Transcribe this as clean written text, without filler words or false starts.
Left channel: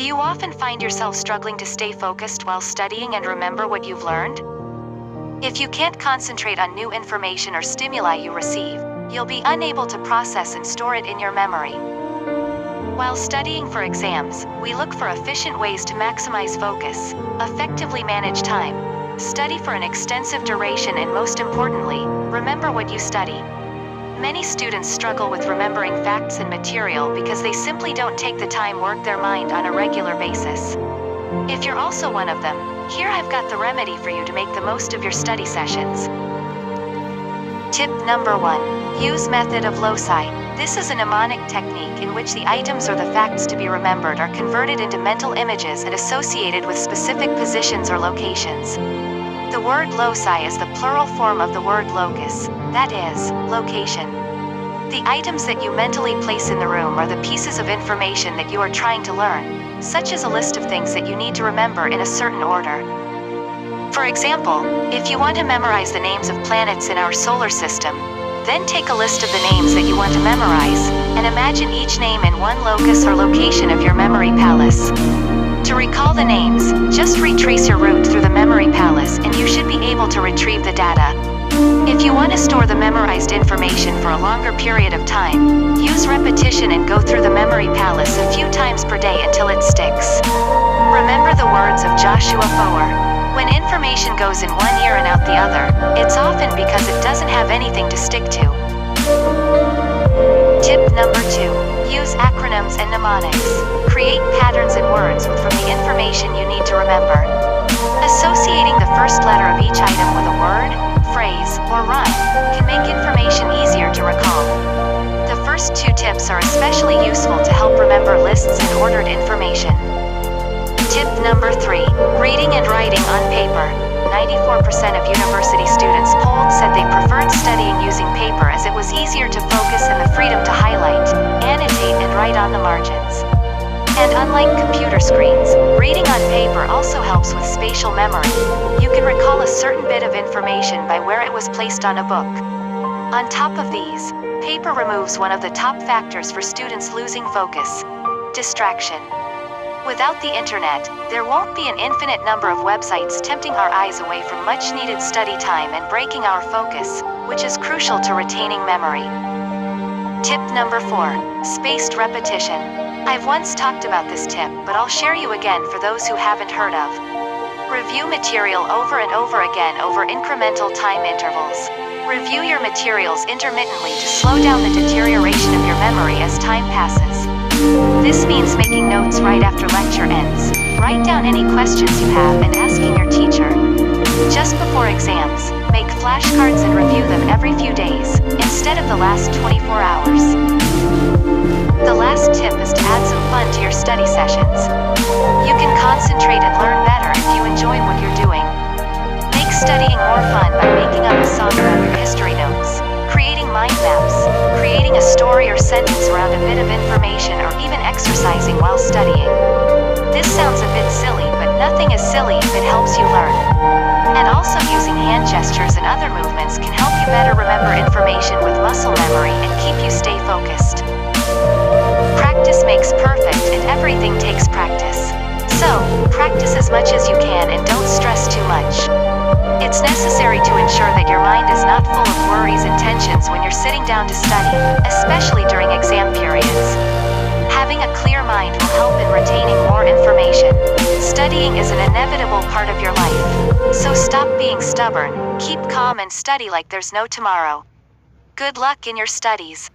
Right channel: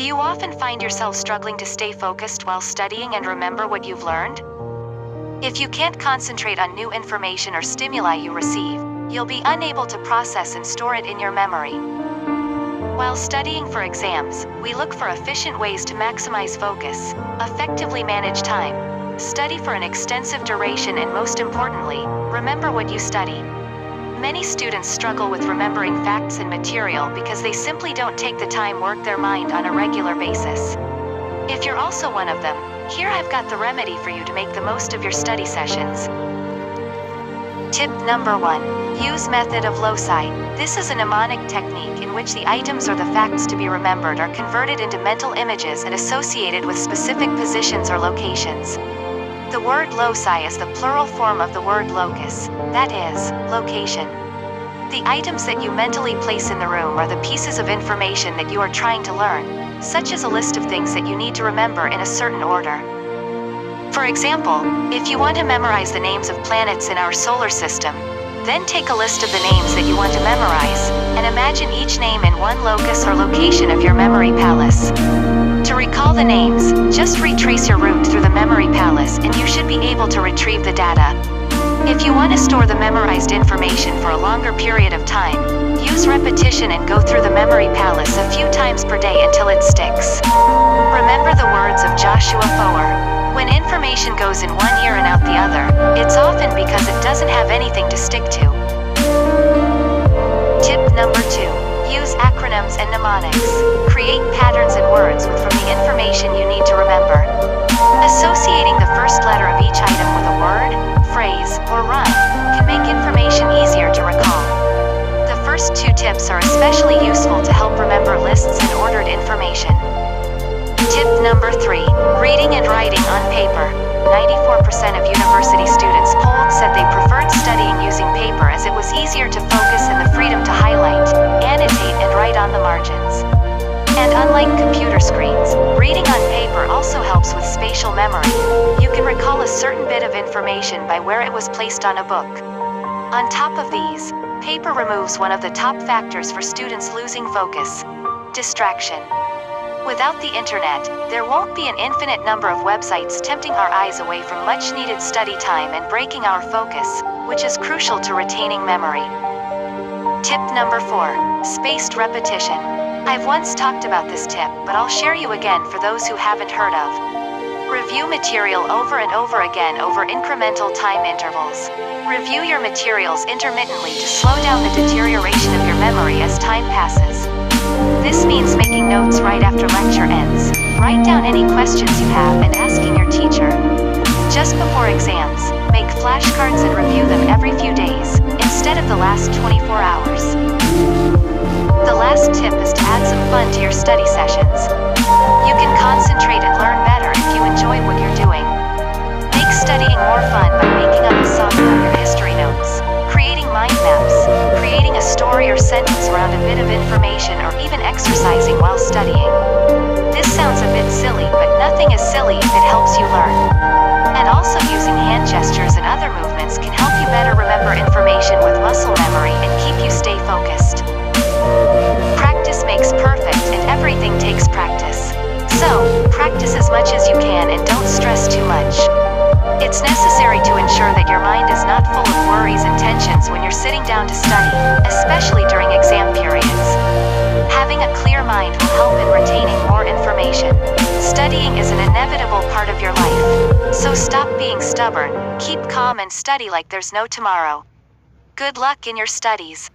Do you often find yourself struggling to stay focused while studying and remember what you've learned? If you can't concentrate on new information or stimuli you receive, you'll be unable to process and store it in your memory. While studying for exams, we look for efficient ways to maximize focus, effectively manage time, study for an extensive duration, and most importantly, remember what you study. Many students struggle with remembering facts and material because they simply don't take the time to work their mind on a regular basis. If you're also one of them, here I've got the remedy for you to make the most of your study sessions. Tip number 1. Use method of loci. This is a mnemonic technique in which the items or the facts to be remembered are converted into mental images and associated with specific positions or locations. The word loci is the plural form of the word locus, that is, location. The items that you mentally place in the room are the pieces of information that you are trying to learn, such as a list of things that you need to remember in a certain order. For example, if you want to memorize the names of planets in our solar system, then take a list of the names that you want to memorize, and imagine each name in one locus or location of your memory palace. To recall the names, just retrace your route through the memory palace and you should be able to retrieve the data. If you want to store the memorized information for a longer period of time, use repetition and go through the memory palace a few times per day until it sticks. Remember the words of Joshua Foer: when information goes in one ear and out the other, it's often because it doesn't have anything to stick to. Tip number 2. Use acronyms and mnemonics. Create patterns and words from the information you need to remember. Associating the first letter of each item with a word, phrase, or rhyme can make information easier to recall. The first 2 tips are especially useful to help remember lists and ordered information. Tip number 3. Reading and writing on paper. 94% of university students polled said they preferred studying using paper as it was easier to focus and the freedom to highlight, annotate, and write on the margins. And unlike computer screens, reading on paper also helps with spatial memory. You can recall a certain bit of information by where it was placed on a book. On top of these, paper removes one of the top factors for students losing focus: distraction. Without the internet, there won't be an infinite number of websites tempting our eyes away from much-needed study time and breaking our focus, which is crucial to retaining memory. Tip number 4. Spaced repetition. I've once talked about this tip, but I'll share you again for those who haven't heard of. Review material over and over again over incremental time intervals. Review your materials intermittently to slow down the deterioration of your memory as time passes. This means making notes right after lecture ends. Write down any questions you have and asking your teacher. Just before exams, make flashcards and review them every few days, instead of the last 24 hours. The last tip is to add some fun to your study sessions. You can concentrate and learn better if you enjoy what you're doing. Make studying more fun by making up a song about your history notes, creating mind maps, creating a story or sentence around a bit of information, or even exercising while studying. This sounds a bit silly, but nothing is silly if it helps you learn. And also using hand gestures and other movements can help you better remember information with muscle memory and keep you stay focused. Practice makes perfect, and everything takes practice. So, practice as much as you can and don't stress too much. It's necessary to ensure that your mind is not full of worries and tensions when you're sitting down to study, especially during exam periods. Having a clear mind will help in retaining more information. Studying is an inevitable part of your life. So stop being stubborn, keep calm, and study like there's no tomorrow. Good luck in your studies.